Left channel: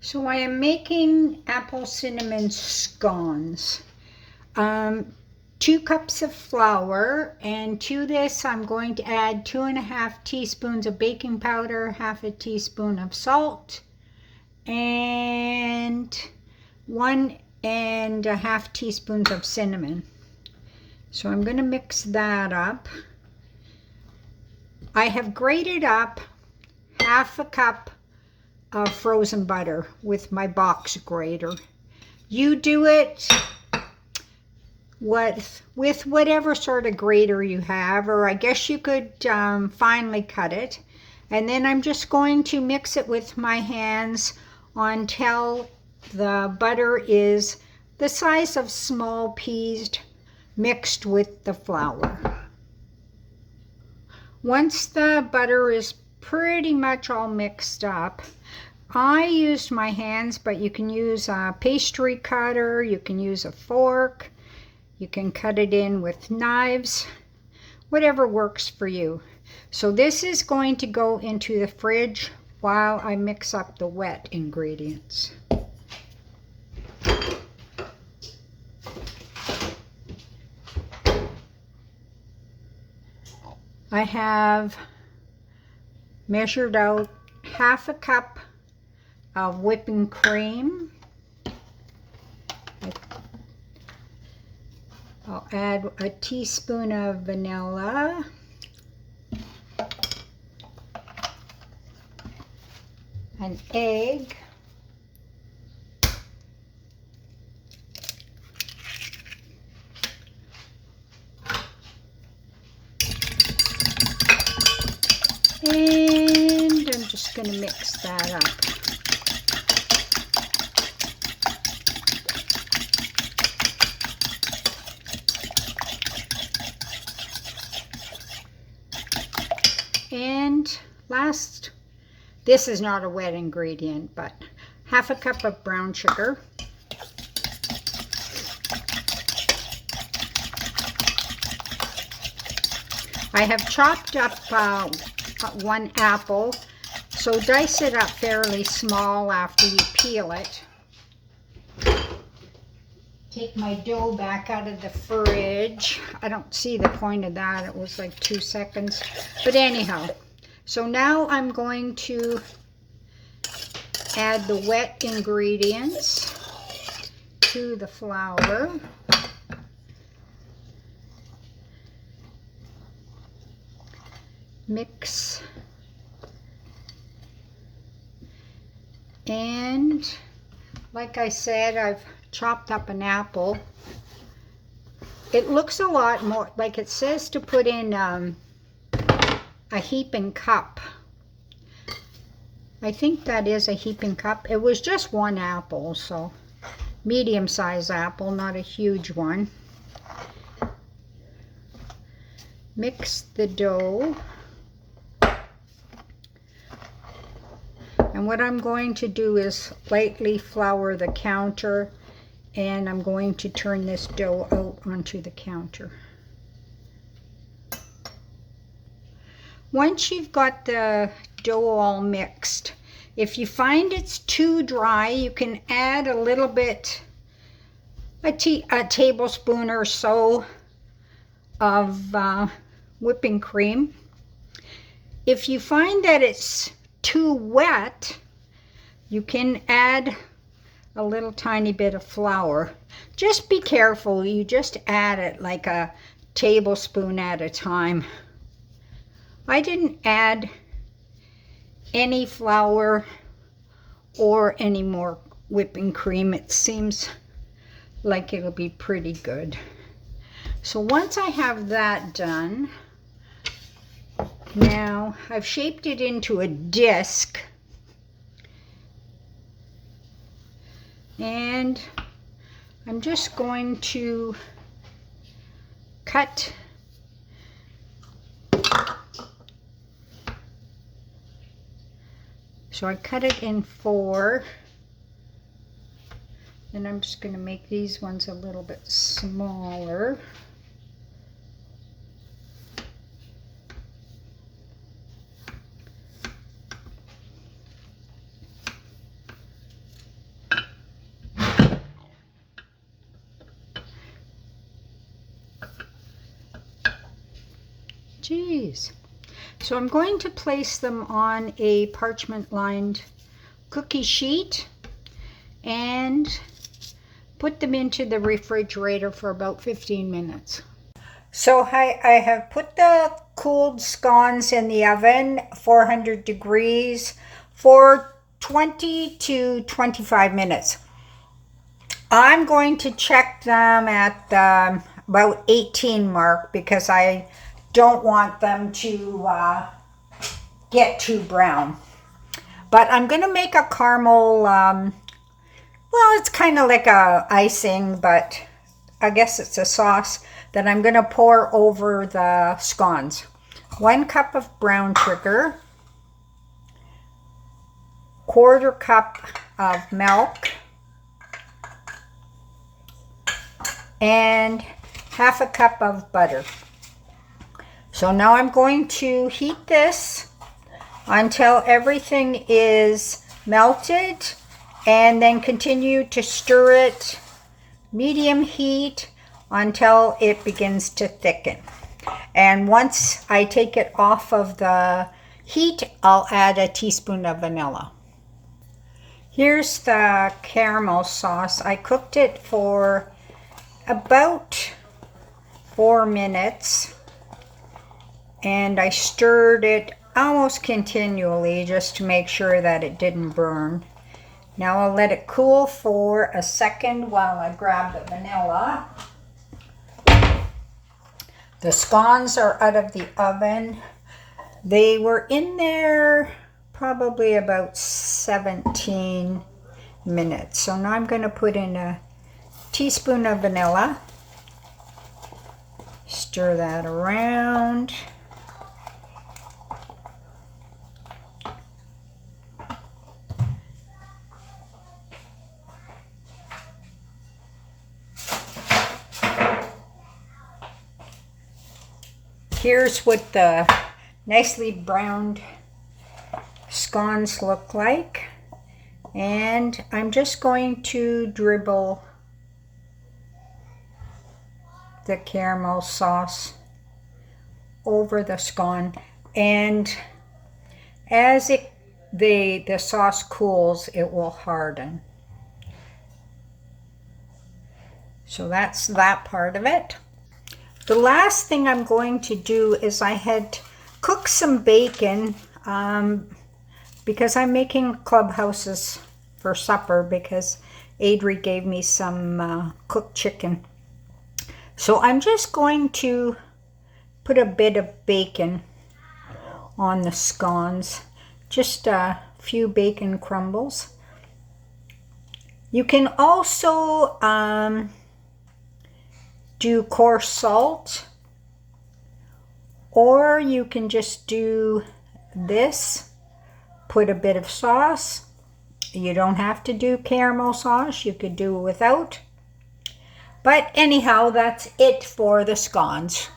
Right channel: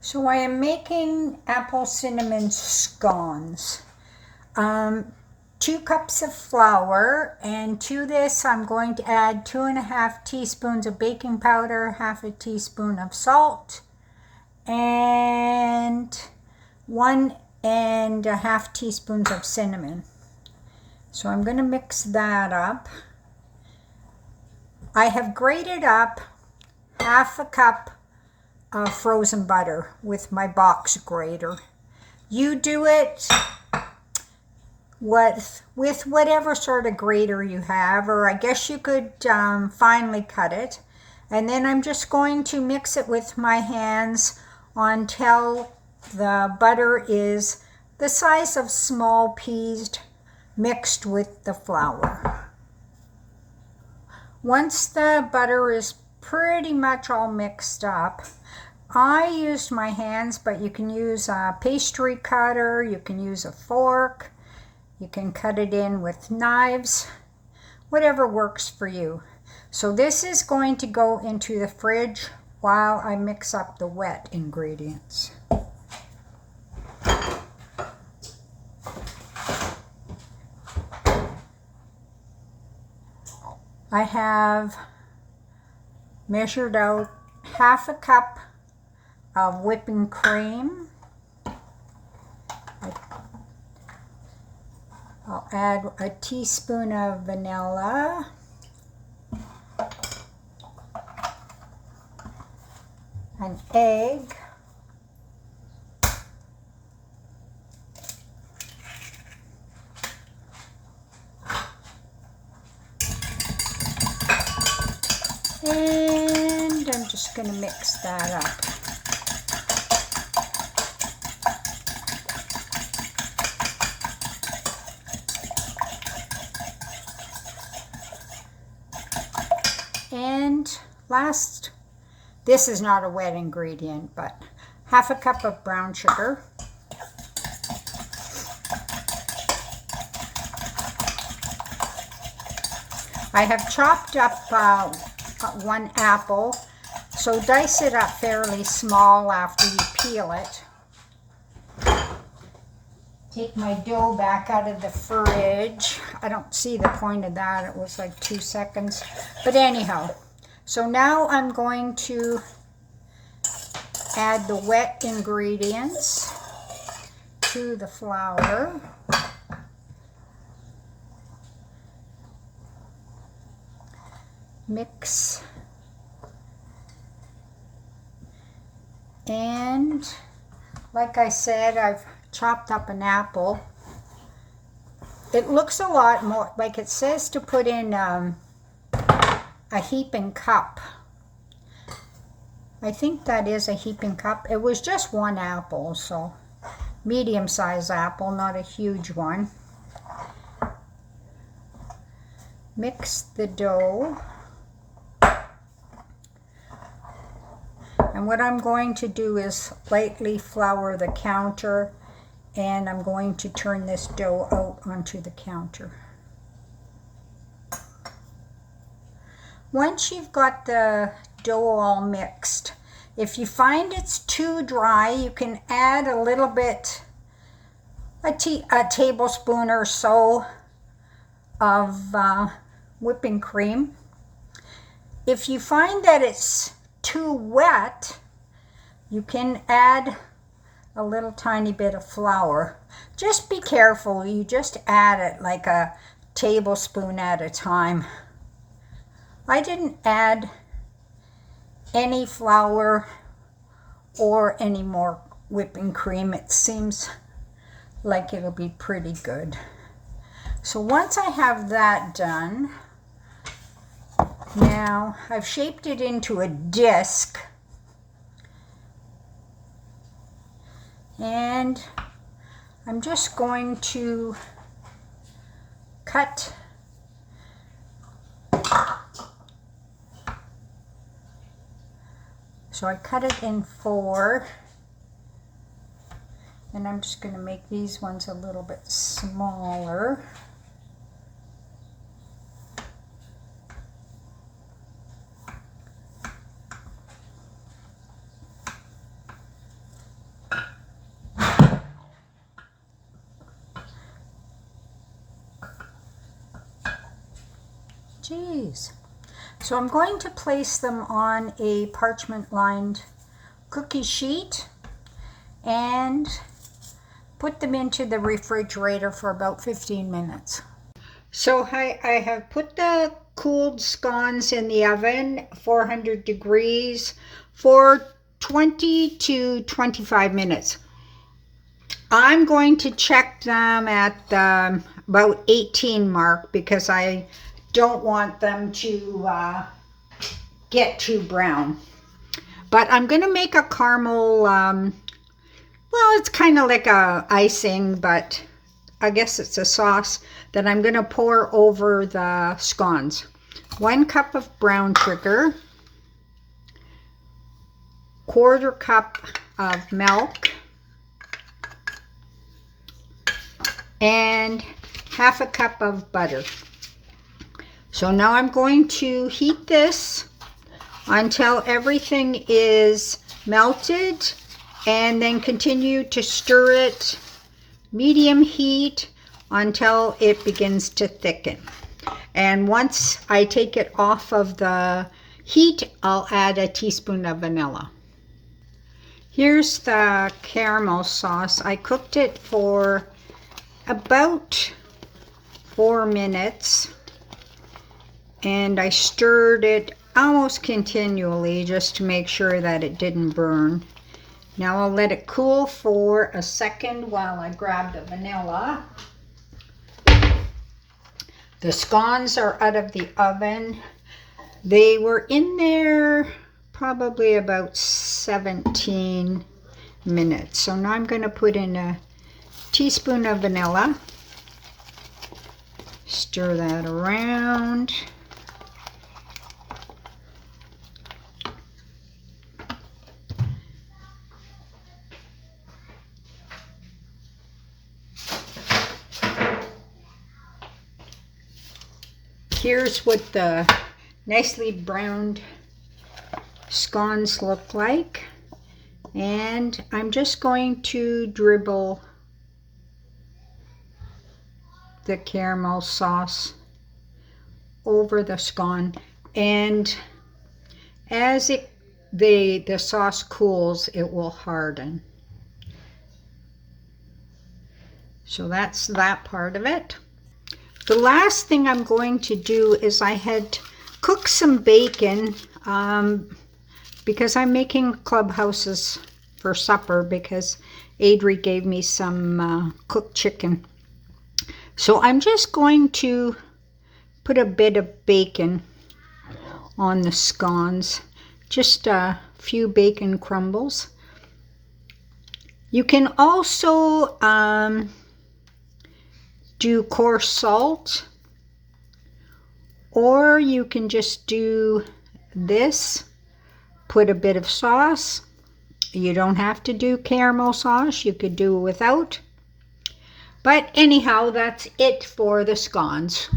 So I am making apple cinnamon scones. 2 cups of flour, and to this I'm going to add 2.5 teaspoons of baking powder, half a teaspoon of salt, and 1.5 teaspoons of cinnamon. So I'm going to mix that up. I have grated up half a cup of frozen butter with my box grater. You do it with whatever sort of grater you have, or I guess you could finely cut it. And then I'm just going to mix it with my hands until the butter is the size of small peas mixed with the flour. Once the butter is pretty much all mixed up, I used my hands, but you can use a pastry cutter, you can use a fork, you can cut it in with knives, whatever works for you. So this is going to go into the fridge while I mix up the wet ingredients. I have measured out half a cup of whipping cream. I'll add a teaspoon of vanilla, an egg, and I'm just going to mix that up. And last, this is not a wet ingredient, but half a cup of brown sugar. I have chopped up 1 apple, so dice it up fairly small after you peel it. Take my dough back out of the fridge. I don't see the point of that. It was like 2 seconds. But anyhow, so now I'm going to add the wet ingredients to the flour. Mix. And like I said, I've chopped up an apple. It looks a lot more like it says to put in a heaping cup. I think that is a heaping cup. It was just 1 apple, so medium-sized apple, not a huge one. Mix the dough. And what I'm going to do is lightly flour the counter, and I'm going to turn this dough out onto the counter. Once you've got the dough all mixed, if you find it's too dry, you can add a little bit, a tablespoon or so of whipping cream. If you find that it's too wet, you can add a little tiny bit of flour. Just be careful, you just add it like a tablespoon at a time. I didn't add any flour or any more whipping cream. It seems like it'll be pretty good. So once I have that done, now I've shaped it into a disc, and I'm just going to cut so I cut it in 4, and I'm just going to make these ones a little bit smaller. Jeez. So I'm going to place them on a parchment lined cookie sheet and put them into the refrigerator for about 15 minutes. So I have put the cooled scones in the oven, 400 degrees, for 20 to 25 minutes. I'm going to check them at about 18 mark because I don't want them to get too brown. But I'm going to make a caramel, well, it's kind of like a icing, but I guess it's a sauce that I'm going to pour over the scones. 1 cup of brown sugar, 1/4 cup of milk, and 1/2 cup of butter. So now I'm going to heat this until everything is melted, and then continue to stir it medium heat until it begins to thicken. And once I take it off of the heat, I'll add a teaspoon of vanilla. Here's the caramel sauce. I cooked it for about 4 minutes, and I stirred it almost continually just to make sure that it didn't burn. Now I'll let it cool for a second while I grab the vanilla. The scones are out of the oven. They were in there probably about 17 minutes. So now I'm going to put in a teaspoon of vanilla. Stir that around. Here's what the nicely browned scones look like. And I'm just going to dribble the caramel sauce over the scone. And as the sauce cools, it will harden. So that's that part of it. The last thing I'm going to do is I had cooked some bacon because I'm making clubhouses for supper because Adri gave me some cooked chicken. So I'm just going to put a bit of bacon on the scones, just a few bacon crumbles. You can also do coarse salt, or you can just do this, put a bit of sauce. You don't have to do caramel sauce, you could do without. But anyhow, that's it for the scones.